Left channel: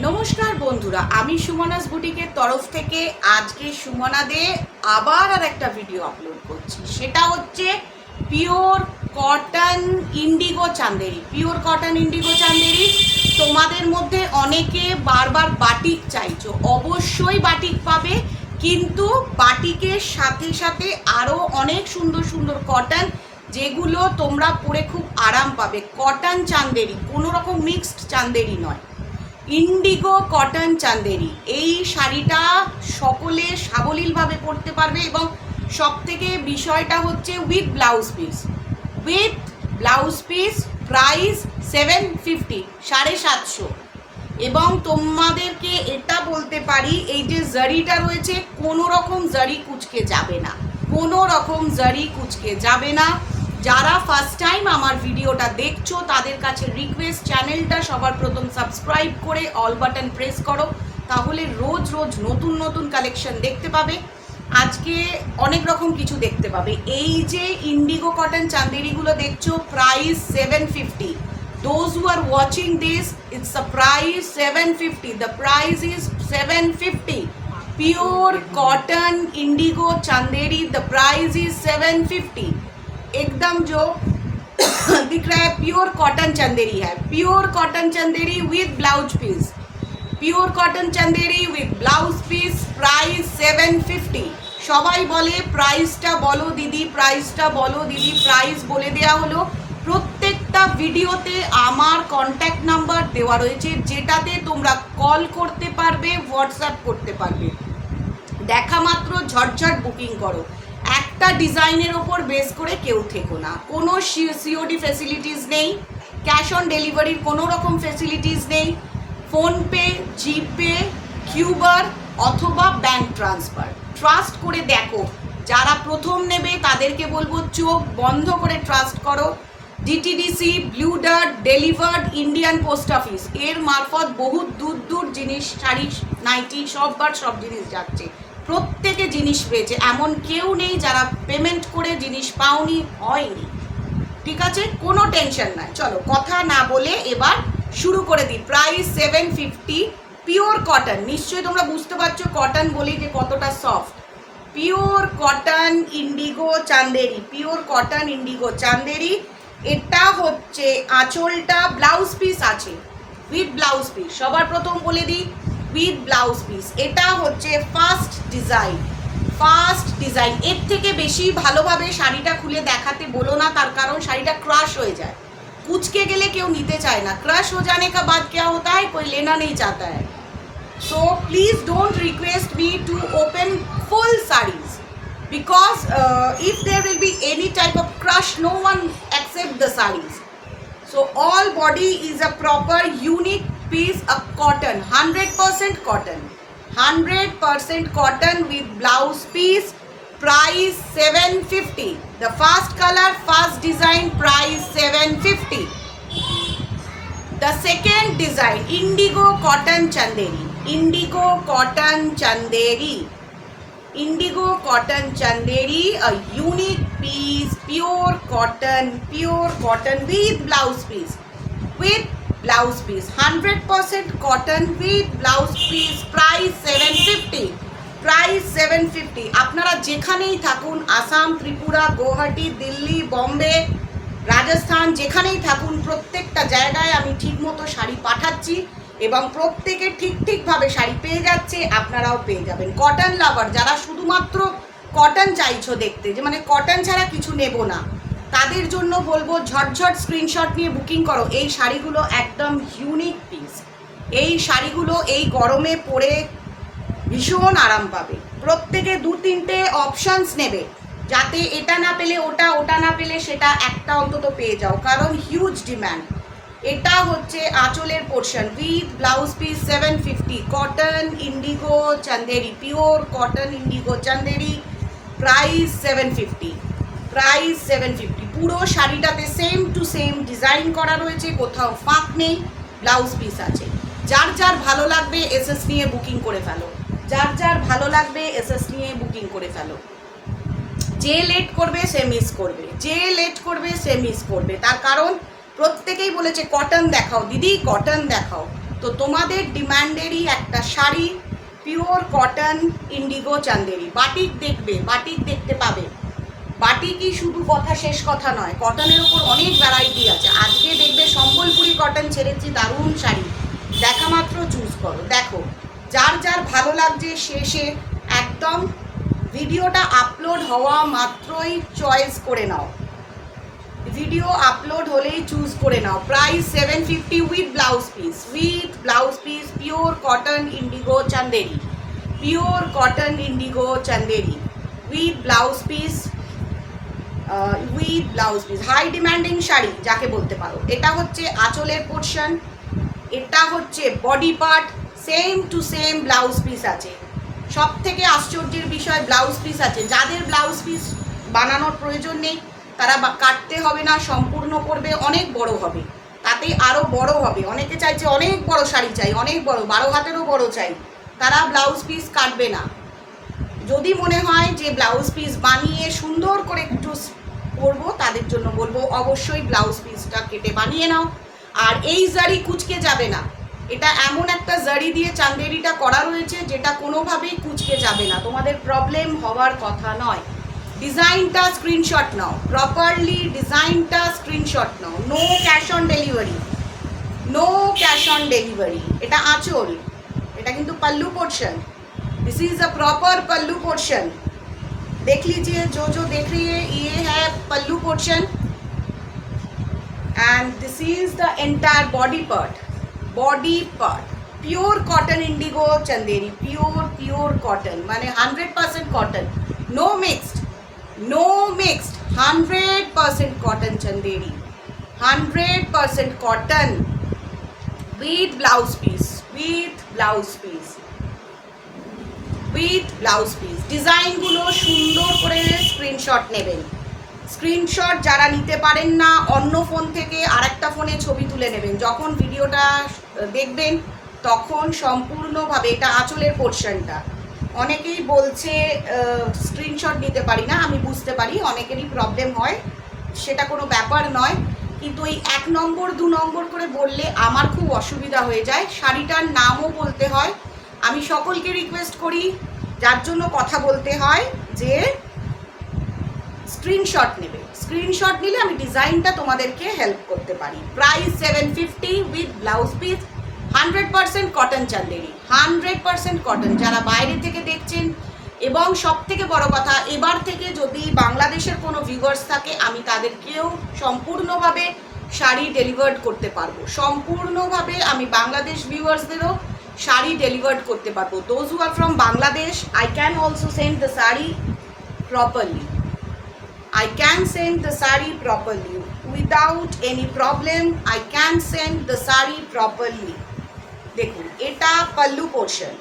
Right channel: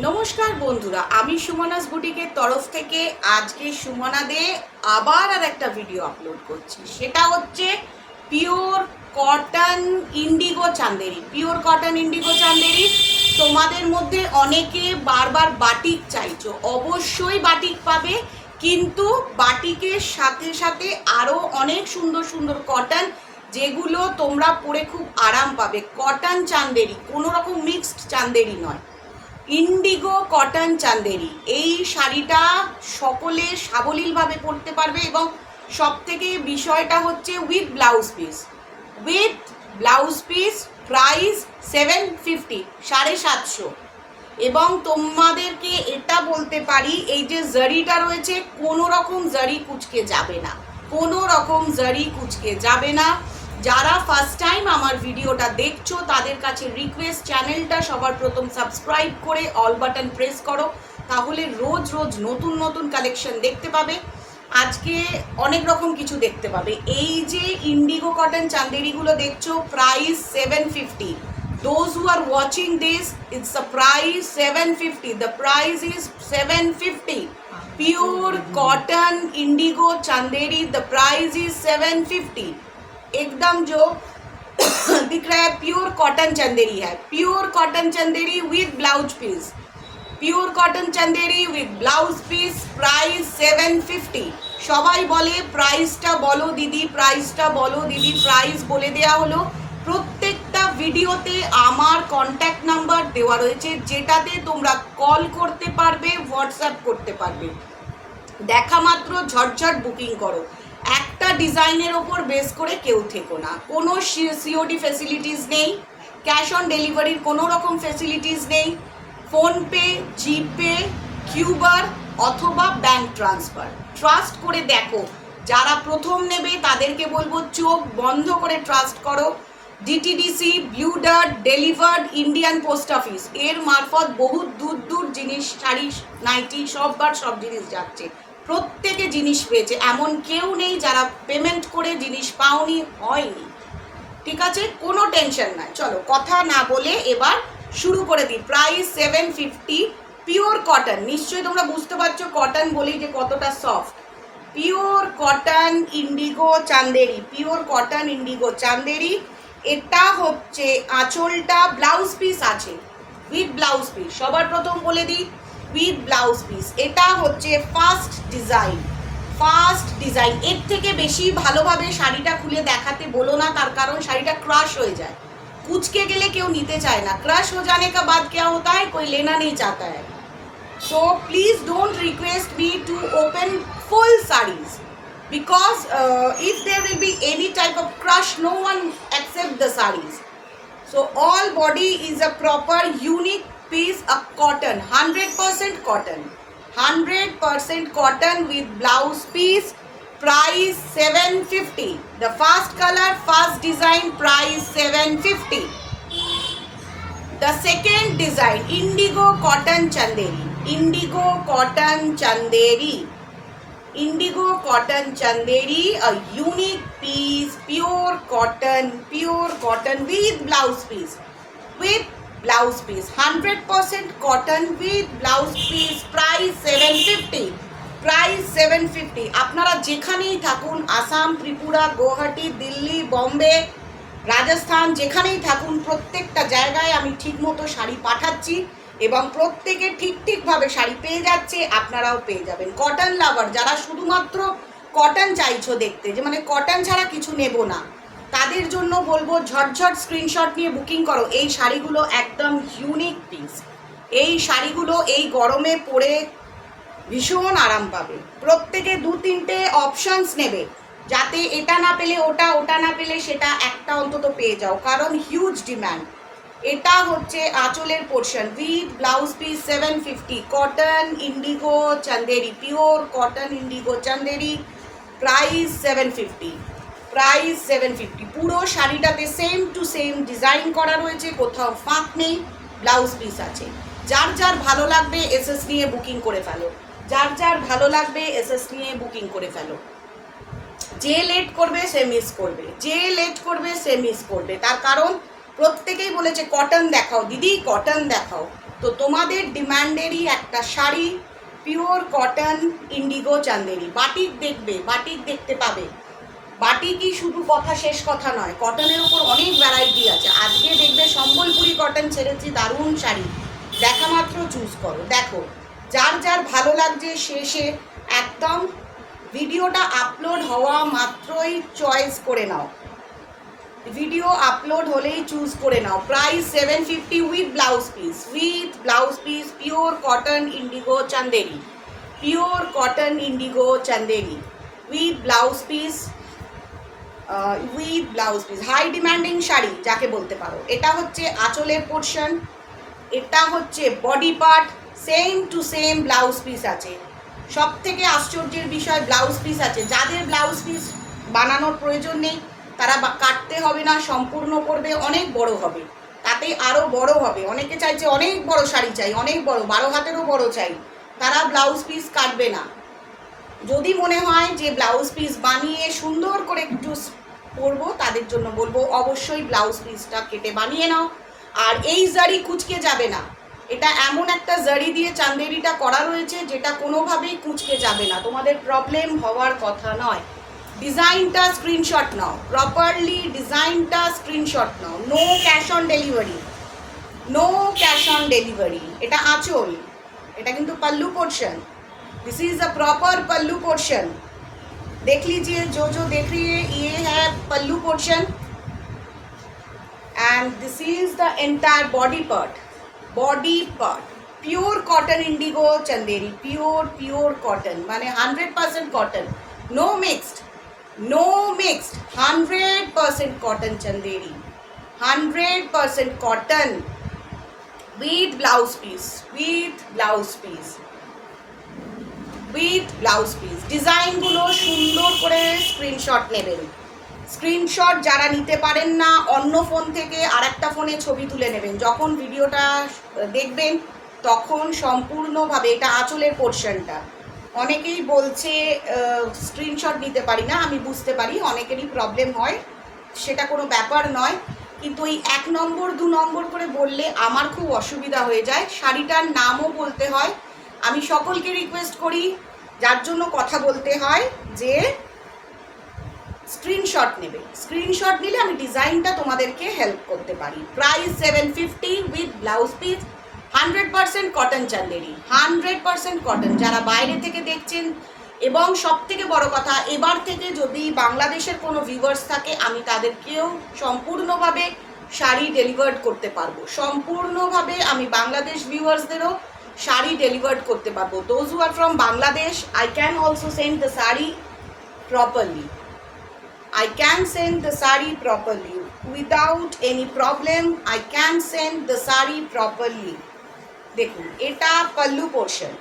নমস্কার বন্ধুরা, আমি সুমনাস বুটিকের তরফ থেকে আজকে সুমনা দে আবার আর একটা ভিডিও আপলোড করছি। সেটা হচ্ছে pure cotton indigo Chanderi. Pure cotton indigo Chanderi তোমাদের মধ্যে অনেকে বারবার বাটিক চাইছো, অবশ্যই বাটিক পাবে, কিন্তু বাটিকের সাথে সাথে আরও অনেক সুন্দর সুন্দর কটন যেগুলো তোমরা পরে খুব আরাম পাবে। কটন চান্দেরি, কোনো রকম মিক্সড চান্দেরি নয়, ইন্ডিগো কটন চান্দেরি। এই শাড়িটা সকলে সাবলীলভাবে পরতে পারবে এবং সব থেকে বিষয়টা হচ্ছে with blouse piece. With blouse piece price 750, 750। এবং তোমাদেরকে এটা বলতে পারি, এই যে জারিটা রয়েছে কোনো রকম জারি কুচকে যাবে না, কোনো রকম জারি কুচকে যাবে না। যারা ফার্স্ট টাইম আমার ভিডিওটা দেখছো তাদের কাছে রিকোয়েস্ট, চ্যানেলটা সবার প্রথম সাবস্ক্রাইব করে অল বাটন প্রেস করো, তাহলে রোজ রোজ নতুন নতুন কালেকশন দেখতে পাবে। আজকে অনেক রকম কিছু দেখতে পাবে। এই যে ইন্ডিগো কটন চান্দেরিগুলো দেখছো, price 750। Those who are watching this, it's the price 750. The price is 750. Pure cotton indigo chanderi, the price is 750. एकदम जो दिख रहा है प्योर कॉटन चंदेरी है, pure cotton Chanderi with blouse piece, pure cotton Chanderi with blouse piece, price 750। সবাই বলে প্রাইসটা বলো দিদি, প্রাইসটা বলো দিদি, প্রাইস বলে দেওয়া হলো। প্রত্যেকটা ভিডিওতে আমার কন্ট্যাক্ট নাম্বার দেওয়া রয়েছে, যেটাতে তোমরা কল করতে পারবে, হোয়াটসঅ্যাপ করতে পারবে। দেখা মাত্র ঝটঝট বুকিং করো। একটা ডিজাইনের ওপর বেস করে কেউ থেকো না। কোনো সিওডি ফ্যাসিলিটিস নেই, ক্যাশ অন ডেলিভারির কোনো রকম ফ্যাসিলিটিস নেই। ফোনপে, জিপে, কিউবার অথবা ব্যাংক ট্রান্সফার। ট্রাস্ট করে দেখো, যারা প্রথম নেবে তাদেরকে বলবো চোখ বন্ধ করে ট্রাস্ট করো। DTDC, Blue Dart, delivered, Indian post office, এর মারফত বহুত দূর দূর জিনিস, শাড়ি, নাইটি, সববার সব জিনিস যাচ্ছে। প্রত্যেকে জিনিস পেয়েছে, এমন কেউ নেই যারা পেমেন্ট করে জিনিস পাওনি, হয়নি। ঠিক আছে, কোনো টেনশন নাই। চলো কথা না বলে এবার শুরু করে দিই। প্রাইস 750। পিওর কটন, নিশ্চয়ই তোমরা বুঝতে পারছো কটন বলেই যে কতটা soft. Pure cotton indigo Chanderi, pure cotton indigo Chanderi. এটা হচ্ছে আঁচলটা, ব্লাউজ পিস আছে উইথ ব্লাউজ পিস। সবার প্রথম বলে দিই উইথ ব্লাউজ পিস। এটা হচ্ছে ফার্স্ট ডিজাইন, ফার্স্ট ডিজাইন। এর থেকে বেশি ভালোভাবে শাড়িটা খুলে দেখাতে বলো না, তার কারণ শাড়িটা ক্রাশ হয়ে যায়, কুচকে গেলে কেউ নিতে চায় না। ক্রাশ हो जाने का बाद क्या होता है, कोई लेना नहीं चाहता है। So please don't request me to open full sarees, because if there will be any type of crush, no one accept the sarees. So all body is a proper unique piece of cotton, 100% cotton, 100% cotton with blouse piece. Price 750. The first color, first design, price 750. The second design, indigo cotton chanderi, indigo cotton chanderi, indigo cotton chanderi, a unique piece, pure cotton with blouse piece, with blouse piece, 100% cotton with blouse piece. Price 750. Price 750। আপনারা যেখানেই থাকুন, আসাম, ত্রিপুরা, গুয়াহাটি, দিল্লি, বম্বে, রাজস্থান, যেখানেই থাকুন, প্রত্যেকটা জায়গায় আমি ঠিকমতো শাড়ি পাঠাচ্ছি এবং প্রত্যেকে ঠিকভাবে শাড়ি পেয়ে যাচ্ছে, আপনারাও পেয়ে যাবেন। কটন লাভার যারা শুধুমাত্র কটন চাইছো দেখতে, যে মানে কটন ছাড়া কিছু নেব না, তাদের জন্য বলবো ঝটঝট স্ক্রিনশট নিয়ে বুকিং করো। এই শাড়িগুলো একদম ইউনিক পিস। এই শাড়িগুলো এই গরমে পরে ভীষণ আরাম পাবে। প্রত্যেকে 2-3টে অপশানস নেবে, যাতে এটা না পেলে ওটা, ওটা না পেলে সেটা, একটা অন্তত পেয়ে যাও, কারণ হিউজ ডিম্যান্ড। এটা হচ্ছে আঁচলের portion with blouse piece, 750। Cotton indigo Chanderi, pure cotton indigo Chanderi, price 750, price 750। পুরো শাড়িটাতে সেম টু সেম ডিজাইন করা রয়েছে, কোথাও ফাঁক নেই, ব্লাউজ পিস আছে। যার যার ভালো লাগবে এসএস নিয়ে বুকিং করে ফেলো, যার যার ভালো লাগবে এসএস নিয়ে বুকিং করে ফেলো। যে লেট করবে সে মিস করবে, যে লেট করবে সে মিস করবে। তার কারণ প্রত্যেকেই বলেছে কটন দেখাও দিদি, কটন দেখাও। তো তোমাদের ডিমান্ডেরই একটা sari, pure cotton indigo Chanderi. Batik দেখবে, বাটিক দেখতে পাবে। বাটিকই শুধু কথা, শেষ কথা নয়, কটনের উপর অনেক ভ্যারাইটি আছে। আজকে দেখবে সম্বলপুরি কটন ছেড়েছি, দারুণ শাড়ি, দেখা মাত্র চুজ করো। দেখো যার যার ভালো লাগছে সে একদম ভিডিওটা আপলোড হওয়া মাত্রই চয়েস করে নাও, ভিডিও আপলোড হলেই চুজ করে নাও। Price 750 with blouse piece, with blouse piece, pure cotton indigo Chanderi, pure cotton indigo Chanderi with blouse piece, with blouse piece. High demanding sari যাকে বলতে পারো। এটা হচ্ছে আঁচলের পোর্শন, এটা হচ্ছে body part, same to same blouse piece আছে। সব থেকে আশ্চর্যের বিষয় ব্লাউজ পিস আছে। যাদের ব্লাউজ পিস বানানোর প্রয়োজন নেই তারা কাটতে হবে না, সম্পূর্ণ করবে, অনেক বড় হবে, তাতে আরও বড় হবে। অনেকে চাইছে অনেক বড় শাড়ি চাই, অনেক বড়, 12 হাতেরও বড় চাই, তারা ব্লাউজ পিস কাটবে না। যদি মনে হয় যে ব্লাউজ পিস বানিয়ে সুন্দর করে একটু পরবো, তাদের জন্য বলবো অবশ্যই ব্লাউজ পিসটা কেটে বানিয়ে নাও। আর এই জারি কুচকে যাবে না, এটা এমন একটা জারি দিয়ে চান্দেরিটা করা রয়েছে যেটা কোনোভাবেই কুচকে যাবে না, তোমাদের প্রবলেম হওয়ার কথা নয়। ডিজাইনটা স্ক্রিনশট নাও, প্রপারলি ডিজাইনটা স্ক্রিনশট নাও। No cash on delivery, no cash on delivery. এটা আঁচল, এটা কিন্তু pallu portion, this is a proper pallu portion. देख लीजिए, जो देख रही है ये है pallu portion and this is the entire body part, body part. Pure cotton indigo Chanderi, pure cotton माने 100% cotton, no mixed, no mixed, 100% cotton Chanderi, 100% cotton with blouse piece, with blouse piece, with blouse piece। ডিজাইনগুলো সুন্দর করে screenshot নেবেন। Screenshot যারা নিতে পারেন না, অন্য ফোন থেকে আরেকটা ফোনে ছবি তুলে নেবেন। যখন ভিডিওটা দেখবেন তখন সম্পূর্ণভাবে, এটা আঁচলের পোর্শনটা, অনেকেই বলছে স্ক্রিনশট নিতে পারি না, আমি বুঝতে পারি অনেকেরই প্রবলেম হয়, সেটা কোনো ব্যাপার নয়, কিন্তু ওই 1 নম্বর 2 নম্বর করে বললে আমার খুব অসুবিধা হয়ে যায়। শাড়িটার নামও বলতে হয়। আমি সকলকে রিকোয়েস্ট করি, যার জন্য কথা বলতে হয়, যে স্ক্রিনশট নেবে। স্ক্রিনশট নিলে আমি ডিজাইনটা তোমাদেরকে হেল্প করতে পারি। Price 750 with blouse piece, 100% cotton Chanderi, 100% cotton. যারা বাইরে থেকে দেখছেন, এবং সব থেকে বড় কথা, এবার থেকে যদি বাংলাদেশের কোনো ভিউয়ার্স থাকে আমি তাদেরকেও সম্পূর্ণভাবে শাড়ি ডেলিভার্ড করতে পারবো, সম্পূর্ণভাবে আমি বাংলাদেশ ভিউয়ার্সদেরও শাড়ি ডেলিভার্ড করতে পারবো। Those who are from Bangladesh, I can also send the sari properly, I can send the sari properly without any problem, I can send the sari properly। দেখুন এটা পল্লু পোর্শন,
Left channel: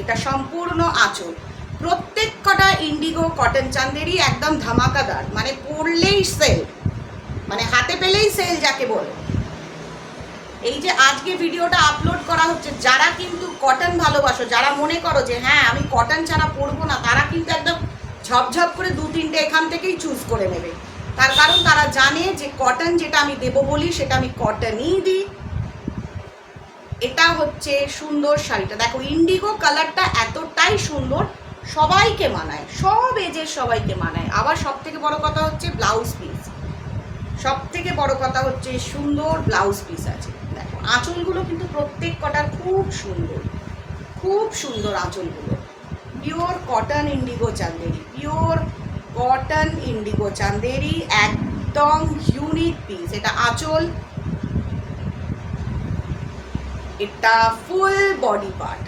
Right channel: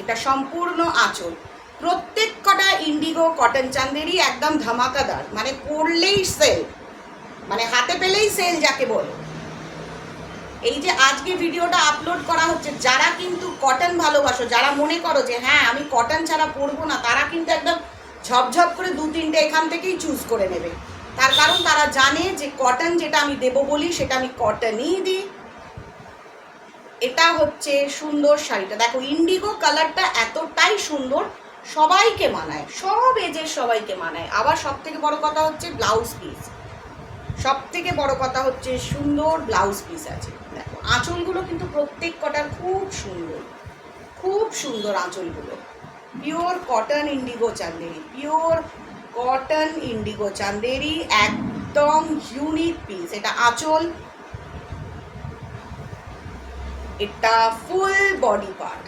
এটা সম্পূর্ণ আঁচল। প্রত্যেক কটা ইন্ডিগো কটন চান্দেরি একদম ধামাকাদার, মানে পরলেই সেল, মানে হাতে পেলেই সেল যাকে বলে। এই যে আজকে ভিডিওটা আপলোড করা হচ্ছে, যারা কিন্তু কটন ভালোবাসো, যারা মনে করো যে হ্যাঁ আমি কটন ছাড়া পরবো না, তারা কিন্তু একদম ঝপঝপ করে 2-3টে এখান থেকেই চুজ করে নেবে। তার কারণ তারা জানে যে কটন যেটা আমি দেবো বলি সেটা আমি কটনই দিই। এটা হচ্ছে সুন্দর শাড়িটা, দেখো ইন্ডিগো কালারটা এতটাই সুন্দর, সবাইকে মানায়, সব এজের সবাইকে মানায়। আবার সব থেকে বড় কথা হচ্ছে ব্লাউজ পিস, সব থেকে বড় কথা হচ্ছে সুন্দর ব্লাউজ পিস আছে। দেখো আঁচলগুলো কিন্তু প্রত্যেক কটার খুব সুন্দর, খুব সুন্দর আঁচলগুলো। Pure cotton indigo Chanderi, pure cotton indigo Chanderi, একদম ইউনিক পিস। এটা আঁচল, এটা ফুল বডি পার্ট।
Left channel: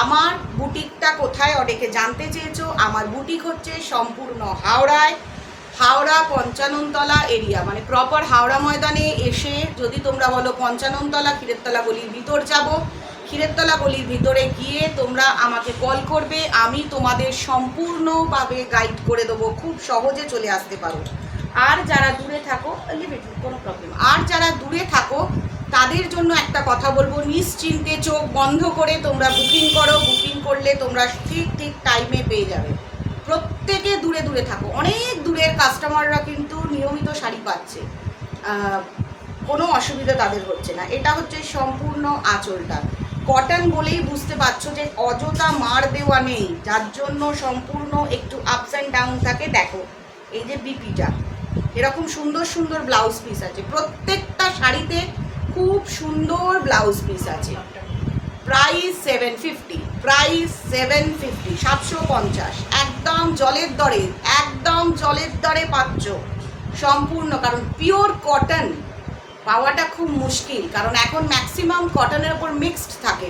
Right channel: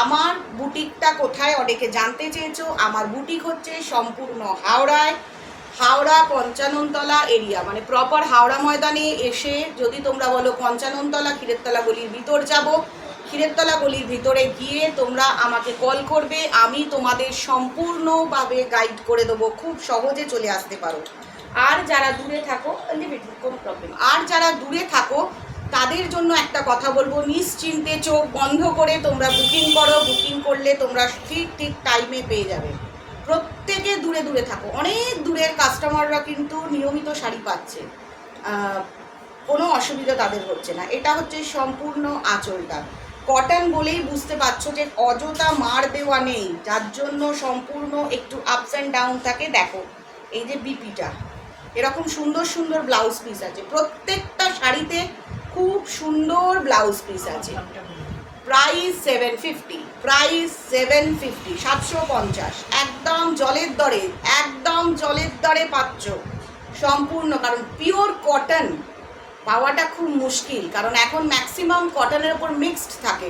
আমার বুটিকটা কোথায় অনেকে জানতে চেয়েছো, আমার বুটিক হচ্ছে সম্পূর্ণ হাওড়ায়, হাওড়া 55 তলা এরিয়া, মানে প্রপার হাওড়া ময়দানে এসে যদি তোমরা বলো 55 তলা ক্ষীরেরতলা গলির ভিতর যাব, ক্ষীরেরতলা গলির ভিতরে গিয়ে তোমরা আমাকে কল করবে, আমি তোমাদের সম্পূর্ণভাবে গাইড করে দেবো, খুব সহজে চলে আসতে পারো। আর যারা দূরে থাকো, লিমিট কোনো প্রবলেম, আর যারা দূরে থাকো তাদের জন্য একটা কথা বলবো, নিশ্চিন্তে চোখ বন্ধ করে তোমরা বুকিং করো, বুকিং করলে তোমরা ঠিক টাইমে পেয়ে যাবে। প্রত্যেকে দূরে দূরে থাকো, অনেক দূরের কাস্টমাররা কিন্তু নিয়মিত শাড়ি পাচ্ছে, কোনো অসুবিধা তাদের হচ্ছে না। এটা হচ্ছে সম্পূর্ণ আঁচলটা, কটন বলেই বুঝতে পারছো যে অযথা মার দেওয়া নেই, যার জন্য সম্পূর্ণ একটু আপস অ্যান্ড ডাউন থাকে। দেখো এই যে বিপিটা, এরকম সুন্দর সুন্দর ব্লাউজ পিস আছে, প্রত্যেকটা শাড়িতে খুব সুন্দর ব্লাউজ পিস আছে। প্রাইস 750, প্রাইস 750, 750, একদম জলের দরে, একদম জলের দরে পাচ্ছ সম্পূর্ণ। কারণ পিওর কটন পাওয়াটা খুব মুশকিল, কারণ এখন ম্যাক্সিমাম কটনের ওপর মিক্সড থাকে,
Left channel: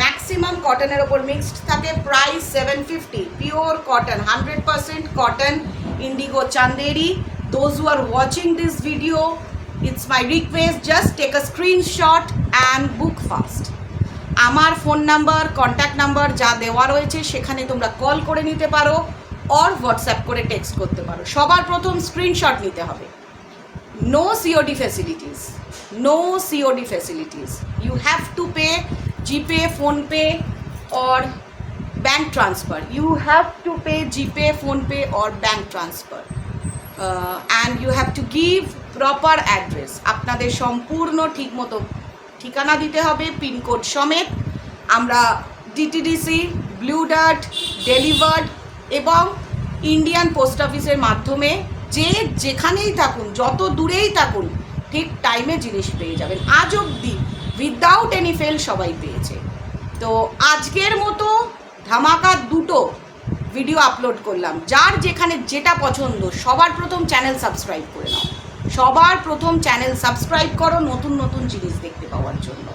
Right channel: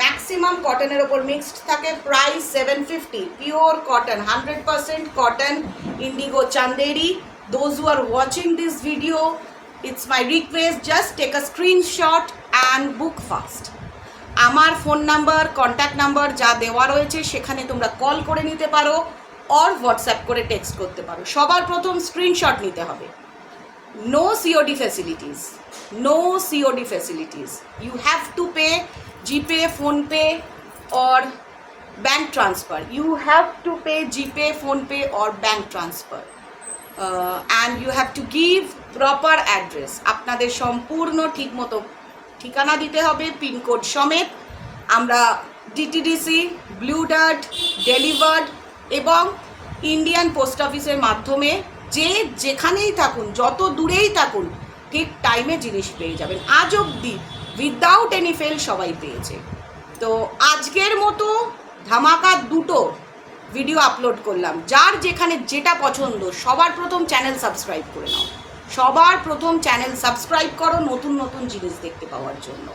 ম্যাক্সিমাম কটনের ওপর মিক্সড থাকে। Price 750, pure cotton, 100% cotton indigo Chanderi. Those who are watching this video, it's my request, just take a screenshot and book fast. আমার ফোন নাম্বার, কন্ট্যাক্ট নাম্বার যা দেওয়া রয়েছে সেখানে তোমরা কল করে নিতে পারো অর হোয়াটসঅ্যাপ করে টেক্সট করতে পারো। সবার প্রথম স্ক্রিনশট নিতে হবে। No COD facilities, no COD facilities. You have to pay GPay, PhonePe or bank transfer. You have to pay GPay, PhonePe or bank transfer. And you have to give proper address. আপনাদের সম্পূর্ণ ঠিকমতো ঠিকানা দিতে হবে, pin code সমেত। আমরা DTDC, Blue Dart, delivered এবং Indian post অফিসের মাধ্যমে যে যেখানেই থাকুন, যত দূরেই থাকুন, ঠিক টাইমে জিনিস পেয়ে যাবেন। আজ অবধি উইদাউট এনি ফেল সবাই পেয়েছে। তো আজকের মতো ধামাকা দুটো ভিডিও আপলোড করলাম। যার যেখানে যেটা পছন্দ, সবার প্রথম চ্যানেল সাবস্ক্রাইব করে নাও, সবার প্রথম চ্যানেল সাবস্ক্রাইব করো নতুন নতুন জিনিস দেখতে পাওয়ার জন্য।